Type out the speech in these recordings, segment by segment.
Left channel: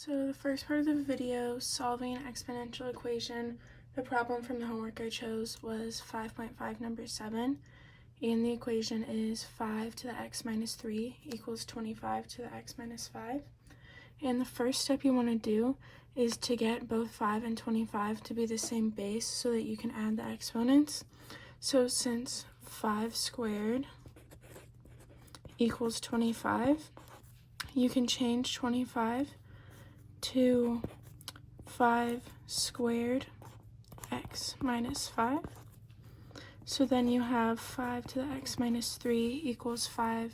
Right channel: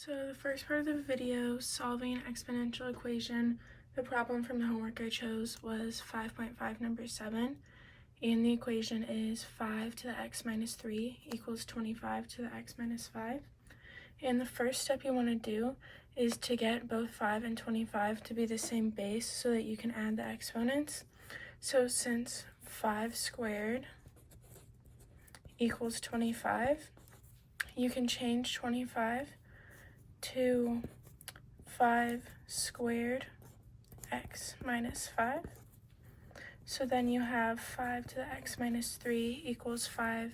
So the first part of the video, solving an exponential equation, the problem from the homework I chose was 5.5 number 7, and the equation is 5 to the x minus 3 equals 25 to the x minus 5. And the first step you want to do is to get both 5 and 25 to be the same base so that you can add the exponents. So since 5 squared equals 25, you can change 25 to 5 squared x minus 5. So then you have 5 to the x minus 3 equals 5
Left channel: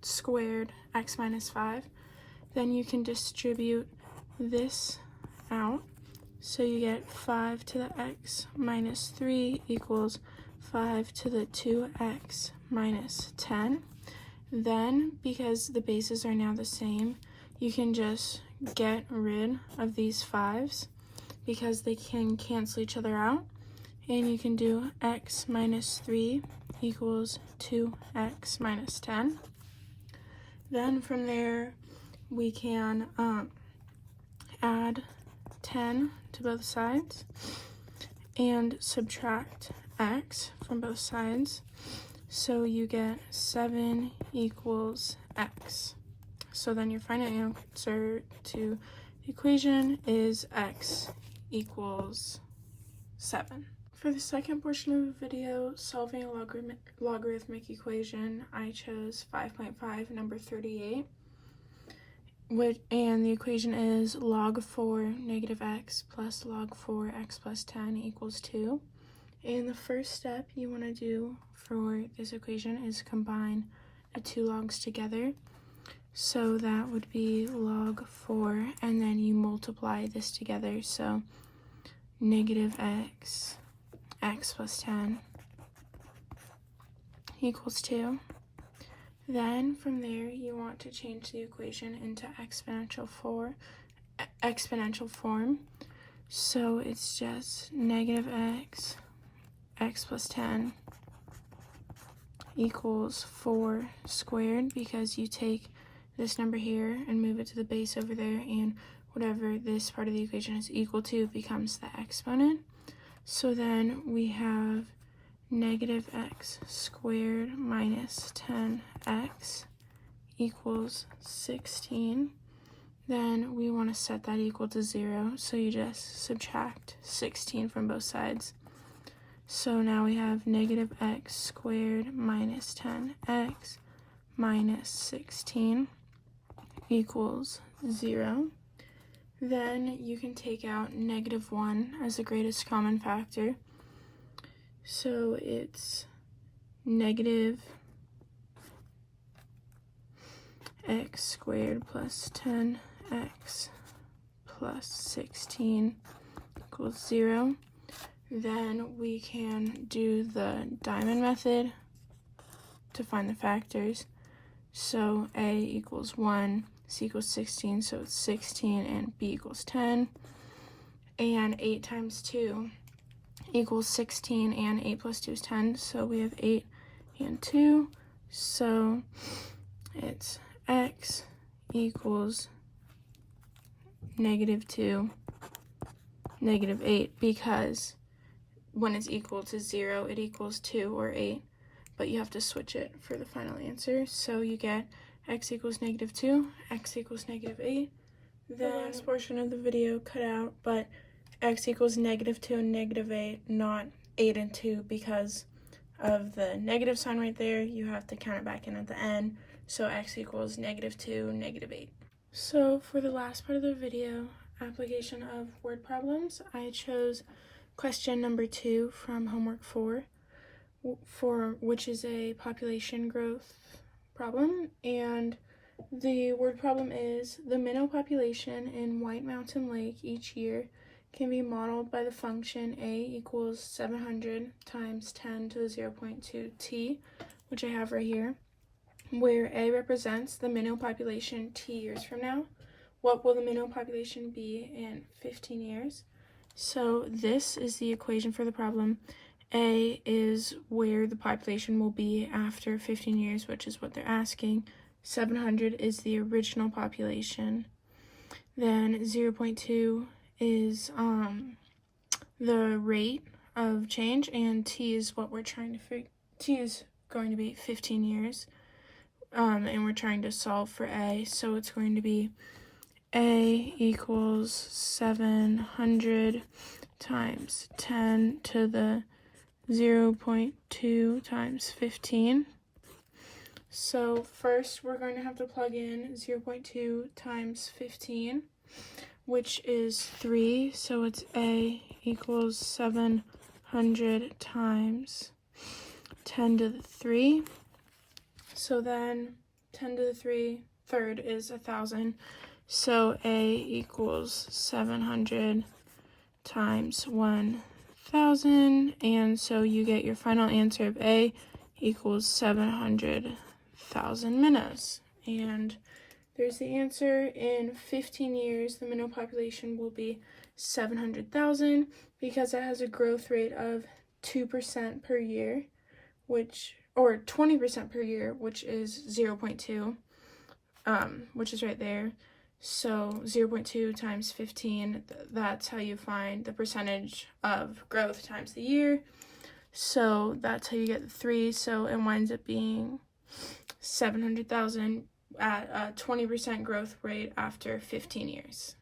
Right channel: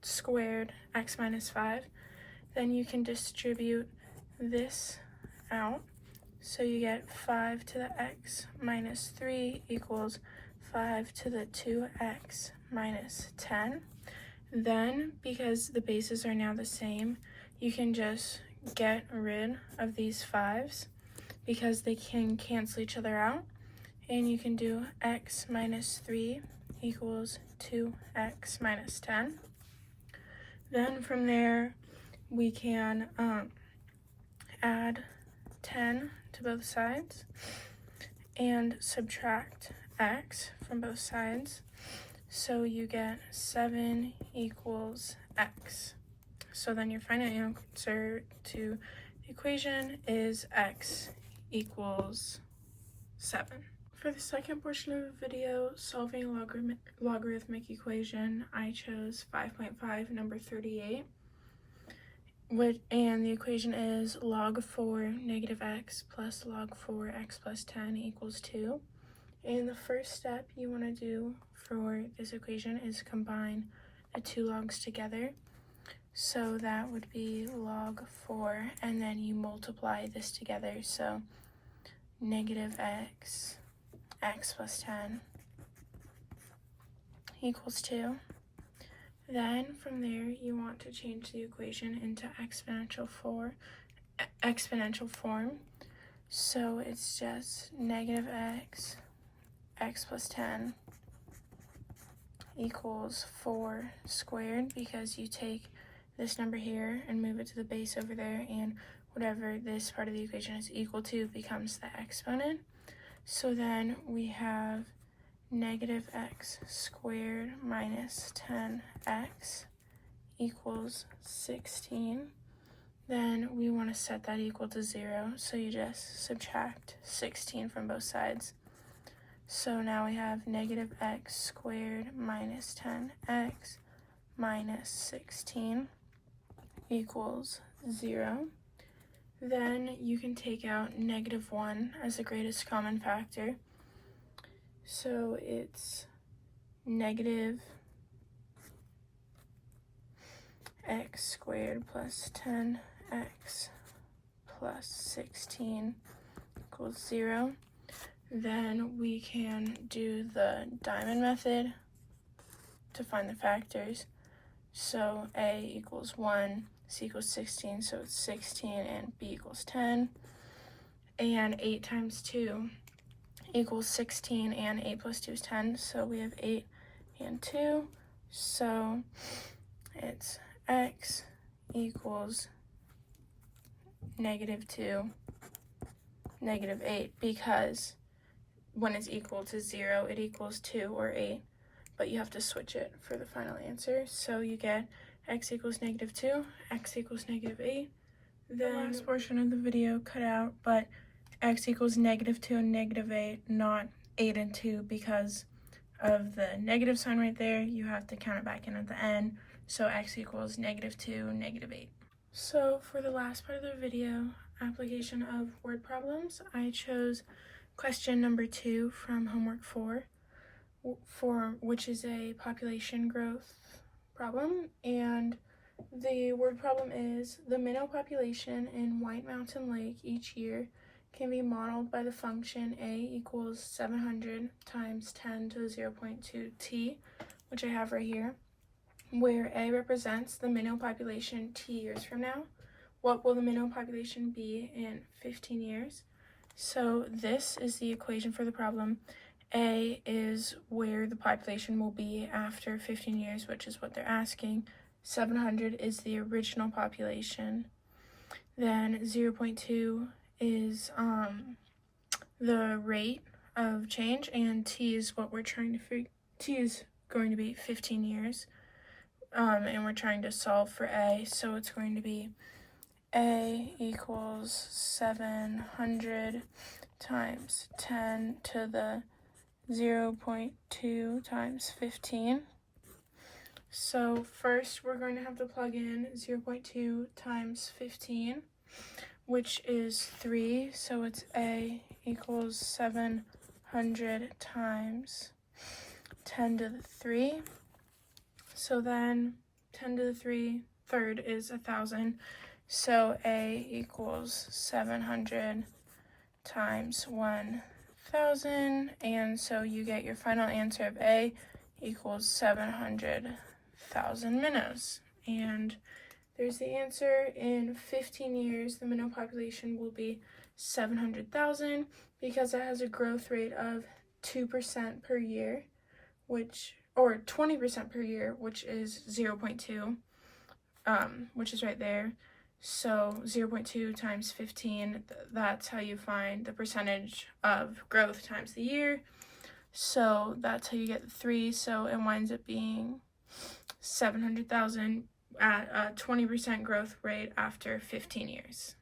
squared x minus 5. Then you can distribute this out. So you get 5 to the x minus 3 equals 5 to the 2x minus 10. Then, because the bases are now the same, you can just get rid of these 5's because they can cancel each other out. And you can do x minus 3 equals 2x minus 10. Then from there, we can add 10 to both sides and subtract x from both sides. So you get 7 equals x. So then your final answer to the equation is x equals 7. For the second portion of the video, solving a logarithmic equation, I chose 5.5 number 38. And the equation is log 4 negative x plus log 4 x plus 10 equals 2. And the first step you want to do for this equation is combine the two logs together. So that would be log 4, and then you multiply this together. So negative x plus 10 equals 2. Then from there, you want to change the equation into exponential form. So it's just negative x plus 10 equals 4 squared, because you take this number here and move it to the base over there, and whatever this part of the equation is equal to becomes the exponent. So then we have negative x squared minus 10x equals 16. Then we want to set that equal to 0, so you just subtract 16 from both sides. So now we have negative x squared minus 10x minus 16 equals 0. Then you can take out negative 1 as the greatest common factor. So it's negative x squared plus 10x plus 16 equals 0. Then we can do the diamond method to find the factors. So a equals 1, c equals 16, so it's 16, and b equals 10. And 8 times 2 equals 16, and 8 plus 2 is 10, so we have 8 and 2. So it's x equals negative 2, negative 8, because when it's equal to 0, it equals 2 or 8, but you have to switch it for the final answer. So you get x equals negative 2, x equals negative 8. The last portion of the video cut out, but x equals negative 2 and negative 8, not 8 and 2, because of the negative sign right there. You have to count it back in at the end. So x equals negative 2, negative 8. So for the last part of the video, application of word problems, I chose question number 2 from homework 4, which is a population growth problem. And the word problem is the minnow population in White Mountain Lake each year can be modeled by the function a equals 700 times 10 to the 0.2 t, which I have right here, where a represents the minnow population t years from now. What will the minnow population be in 15 years? So this is the equation for the problem. A is where the population will be after 15 years, which is what they're asking. 700 is the original population. Then 0.2 is the rate of change, and t is what we're trying to figure. T is going to be 15 years, and we're trying to solve for a, so it's going to be a equals 700 times 10 to the 0.2 times 15. So first we're going to have to plug in 0.2 times 15, which is 3, so it's a equals 700 times 10 to the 3. So then 10 to the 3 third is 1,000. So a equals 700 times 1,000. And so you get your final answer of a equals 700,000 minnows. And there's the answer. In 15 years, the minnow population will be 700,000 because it has a growth rate of 2% per year, or 20% per year, which is 0.2, which is right there. So 0.2 times 15, that's how you find the percentage of growth times the year. So that's how you get the 3. So it winds up being 700,000 at a 20% growth rate after 15 years.